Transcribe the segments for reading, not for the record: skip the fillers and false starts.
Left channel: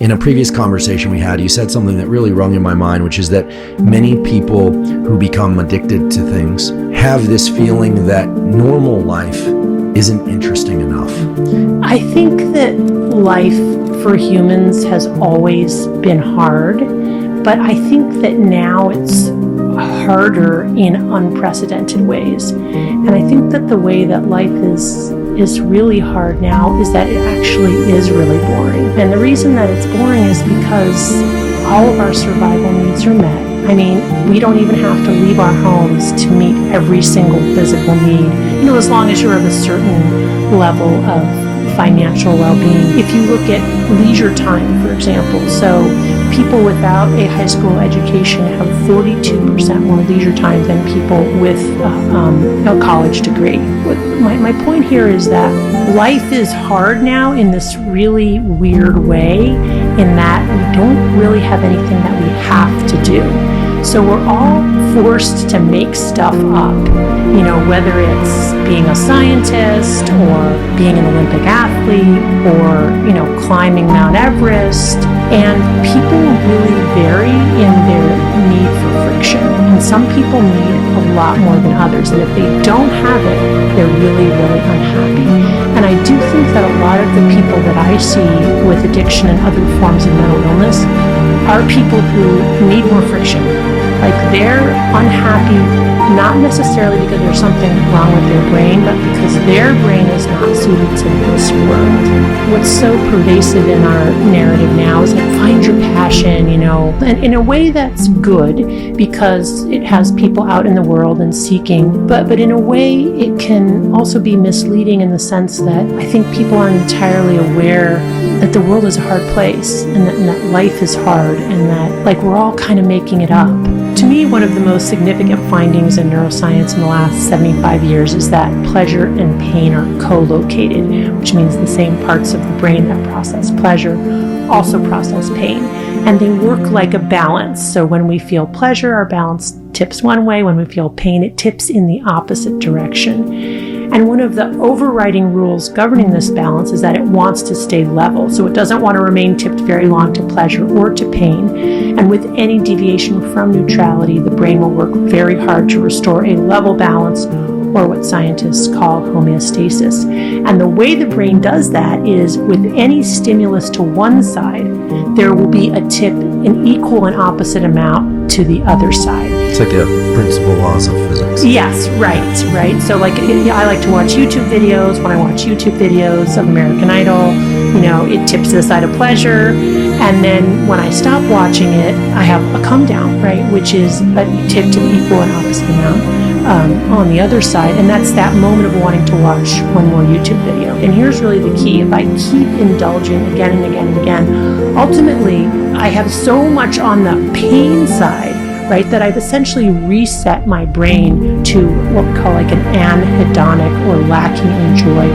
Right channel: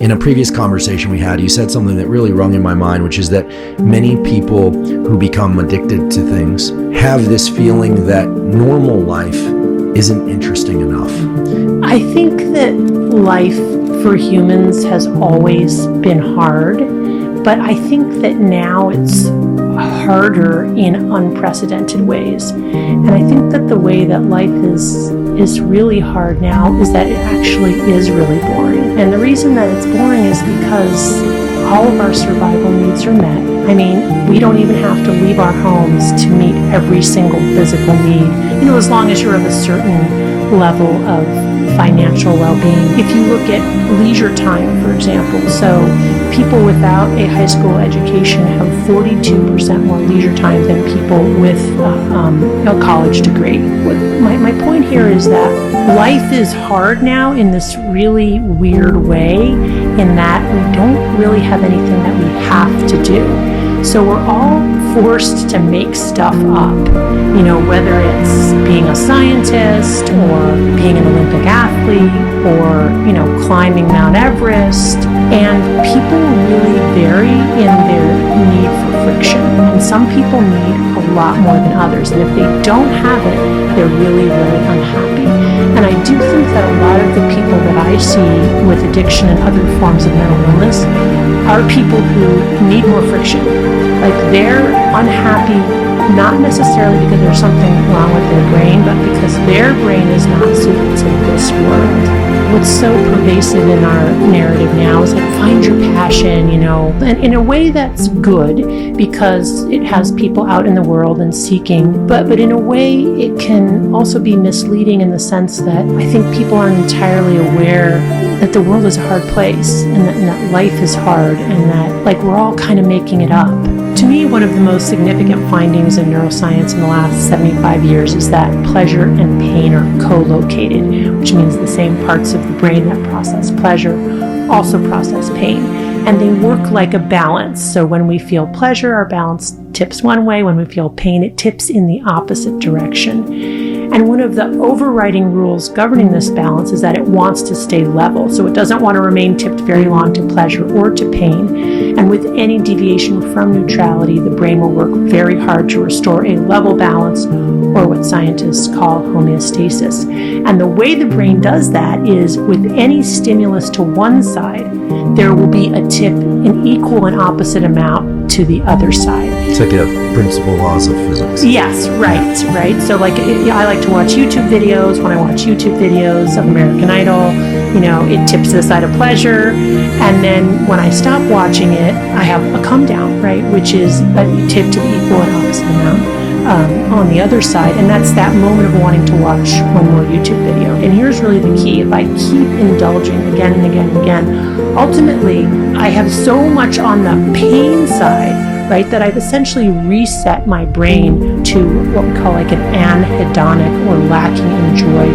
In a previous conversation we had, you said something that really rung in my mind, which is that many people who become addicted to things have this feeling that normal life isn't interesting enough. I think that life for humans has always been hard, but I think that now it's harder in unprecedented ways. And I think that the way that life is really hard now is that it actually is really boring. And the reason that it's boring is because all of our survival needs are met. I mean, we don't even have to leave our homes to meet every single physical need, as long as you're of a certain level of financial well-being. If you look at leisure time, for example, so people without a high school education have 42% more leisure time than people with a college degree. My point here is that life is hard now in this really weird way, in that we don't really have anything that we have to do. So we're all forced to make stuff up, whether it's being a scientist or being an Olympic athlete or, climbing Mount Everest. And people really vary in their need for friction. And some people need a lot more than others. And if they don't have it, they're really, really unhappy. And I do think that a lot of the people that I see with addiction and other forms of mental illness are people who need more friction. Like, they're unhappy, not necessarily because there's something wrong with their brain, but because their brain is not suited to this world. What's so pervasive in our narrative now is like, find your passion, and in a way that's good because it has people out in the world and seeking, but in a way it can also be misleading in the sense that I think people aren't entirely aware that the world is a hard place and that life is hard and that we're all kind of making it up. To me, one of the most significant findings in neuroscience in the last 75 years is that pleasure and pain are co-located, which means the same parts of the brain that process pleasure also process pain. And they work like a balance. So when we feel pleasure, our balance tips one way. When we feel pain, it tips in the opposite direction. And one of the overriding rules governing this balance is that it wants to stay level. So it doesn't want to remain tipped very long to pleasure or to pain. And with any deviation from neutrality, the brain will work very hard to restore a level balance, or what scientists call homeostasis. And the way the brain does that is with any stimulus to one side, there will be a tip in equal and opposite amount to the other side. It's like the principal laws of physics. Yes, right. So I like to watch YouTube videos. When I watch YouTube videos of American Idol, it tips to the side of pleasure. And then when I stop watching it, I have a come down, right? Which is a tip to the equal and opposite amount on the other side. And that's that moment of wanting to watch one more YouTube video. And here's really the key. If I keep indulging again and again and again, ultimately, I have so much on the pain side, right, that I've essentially reset my brain to what we call like an anhedonic or lacking in joy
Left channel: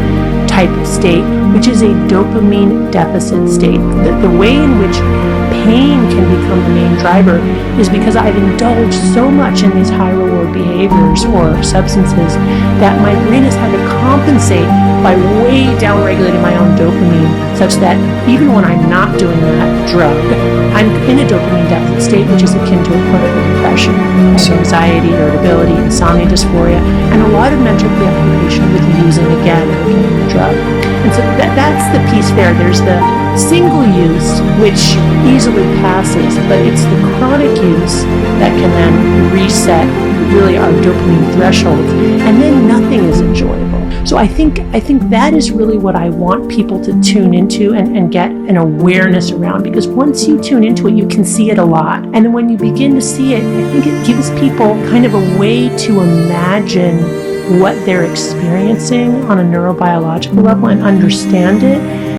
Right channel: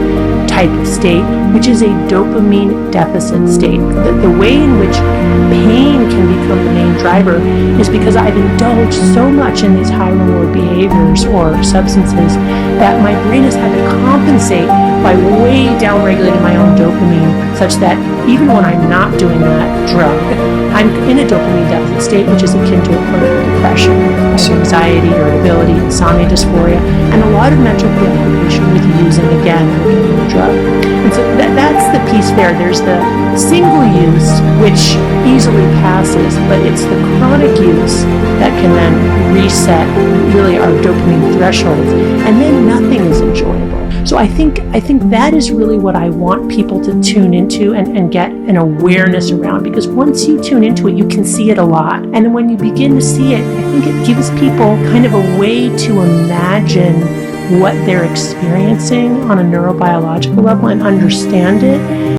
type of state, which is a dopamine deficit state. The way in which pain can become the main driver is because I've indulged so much in these high reward behaviors or substances that my brain has had to compensate by way down regulating my own dopamine, such that even when I'm not doing that drug, I'm in a dopamine deficit state, which is akin to a clinical depression. I have anxiety, irritability, insomnia, dysphoria, and a lot of mental preoccupation with using again or getting the drug. And so that's the piece there. There's the single use, which easily passes, but it's the chronic use that can then reset really our dopamine thresholds, and then nothing is enjoyable. So I think that is really what I want people to tune into and get an awareness around, because once you tune into it, you can see it a lot. And then when you begin to see it, I think it gives people kind of a way to imagine what they're experiencing on a neurobiological level and understand it.